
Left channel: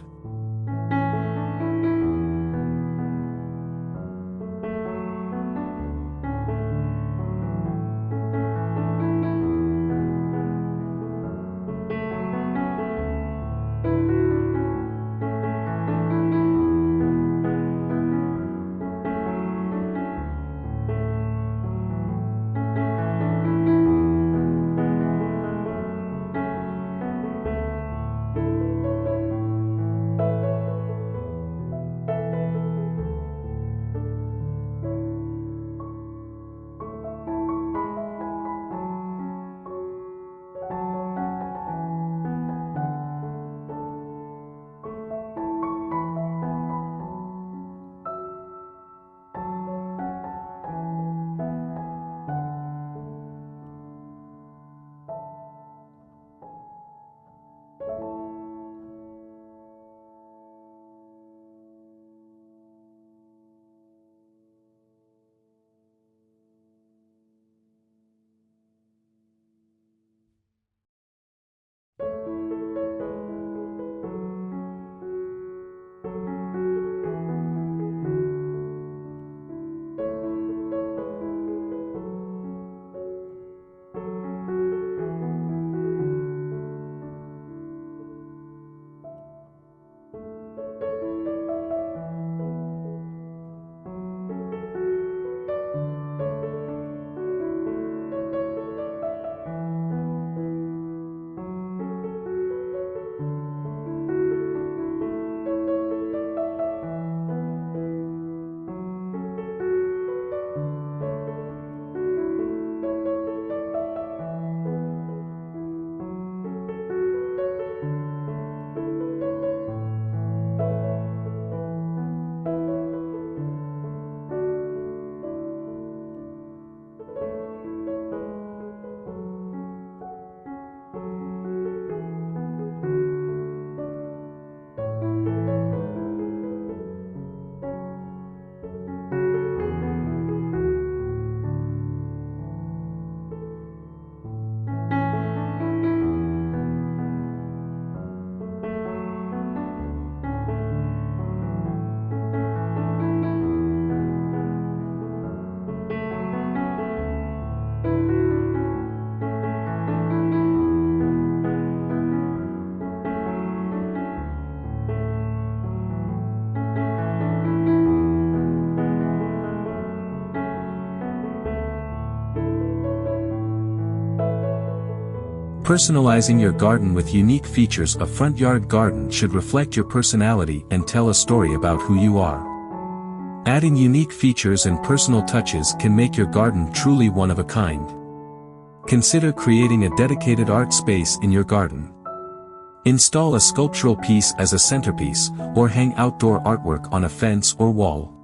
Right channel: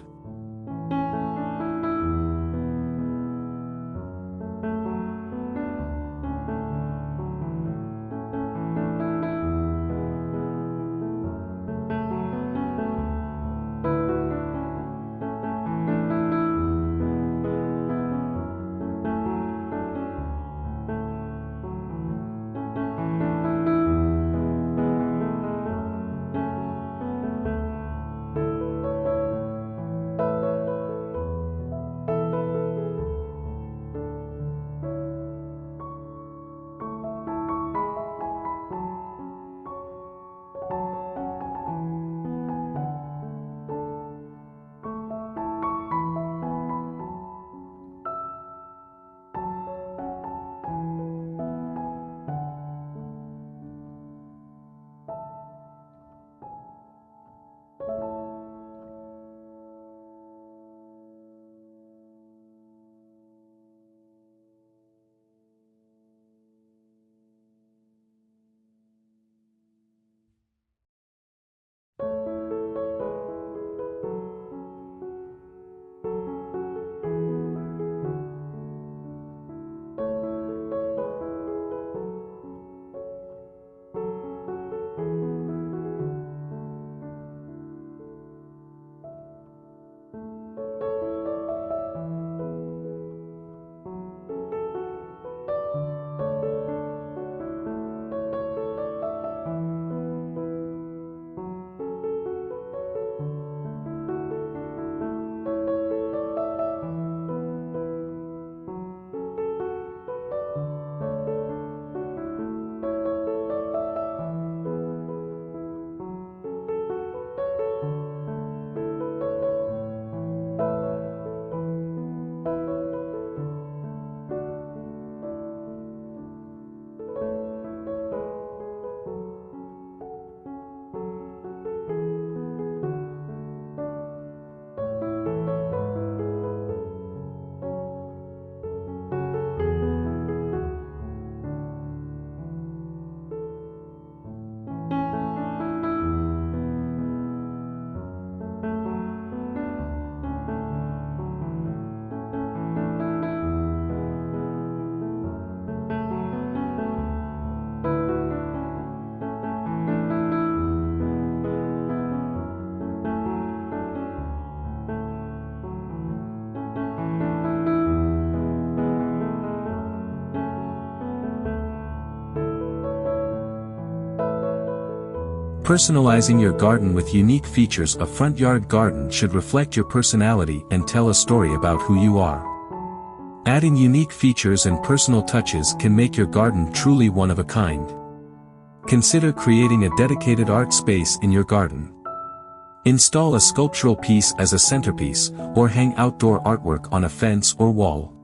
Personalizing your garden with unique features. A front yard garden should reflect your personality and tell a story about who you are. Adding unique features and personal touches can make your garden truly one of a kind. Consider creating a dedicated art space in your garden. Install a sculptural piece as a centerpiece, or hang outdoor artwork on a fence or wall.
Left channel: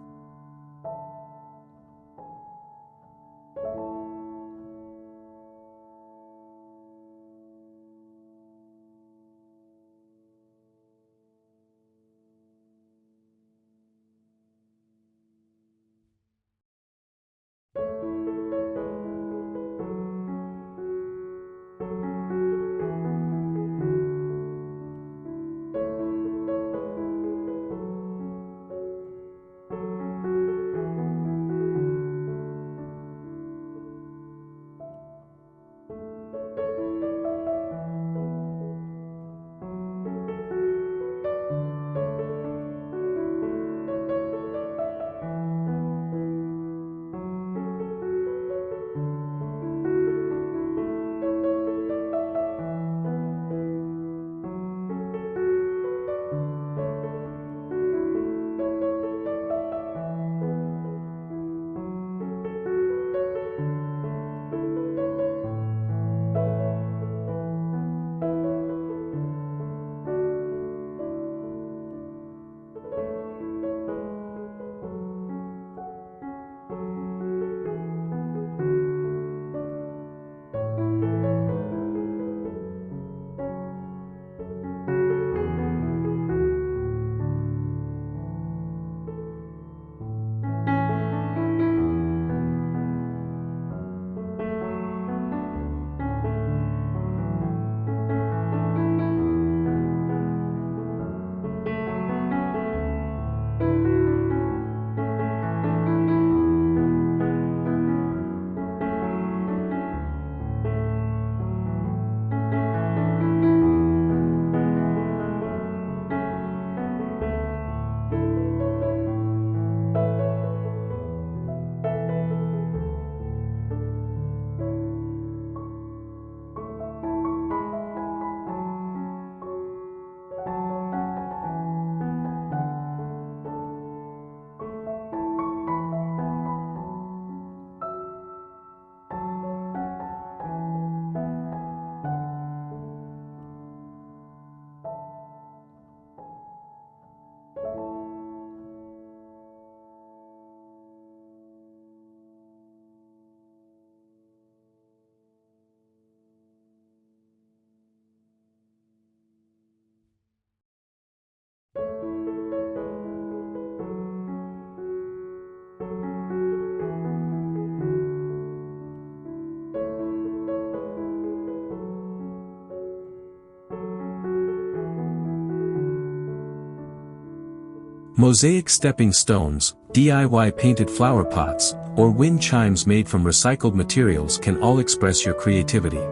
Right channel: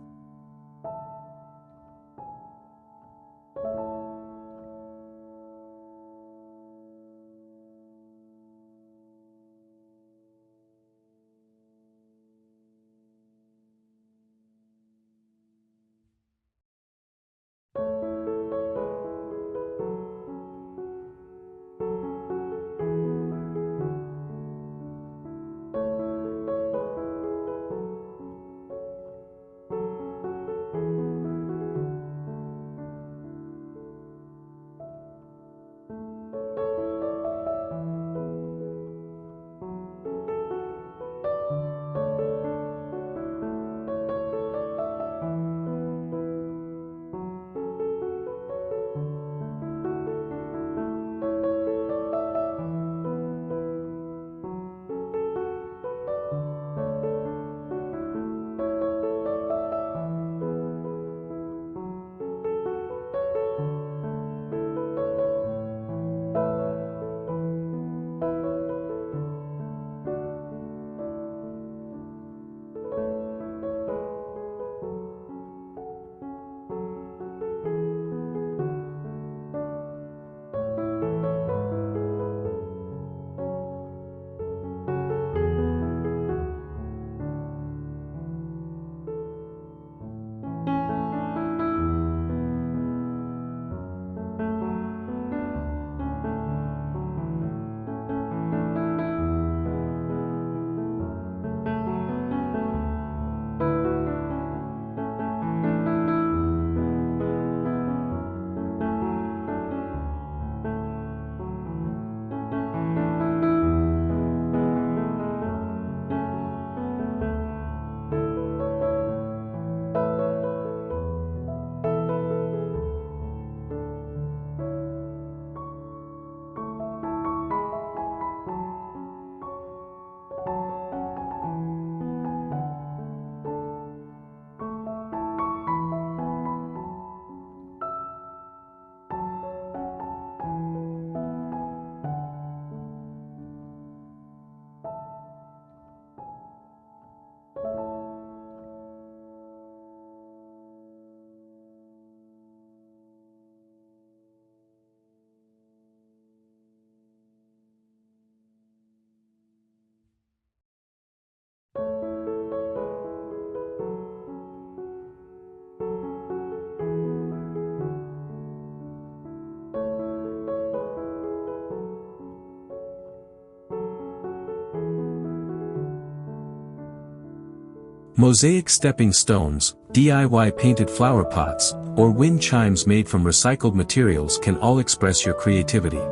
Mosaic stepping stones, DIY painted flower pots, or wind chimes made from recycled materials can all express your creativity.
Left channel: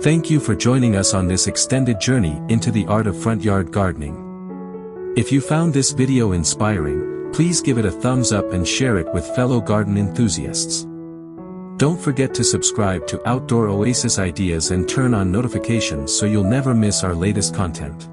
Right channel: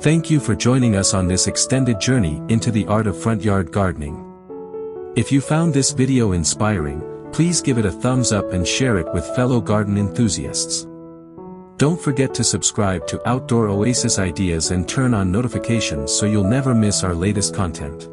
Thank you for joining us on this extended journey into the art of front yard gardening. If you found this video inspiring, please give it a thumbs up and share it with fellow garden enthusiasts. Don't forget to subscribe to Outdoor Oasis Ideas and turn on notifications so you'll never miss our latest content.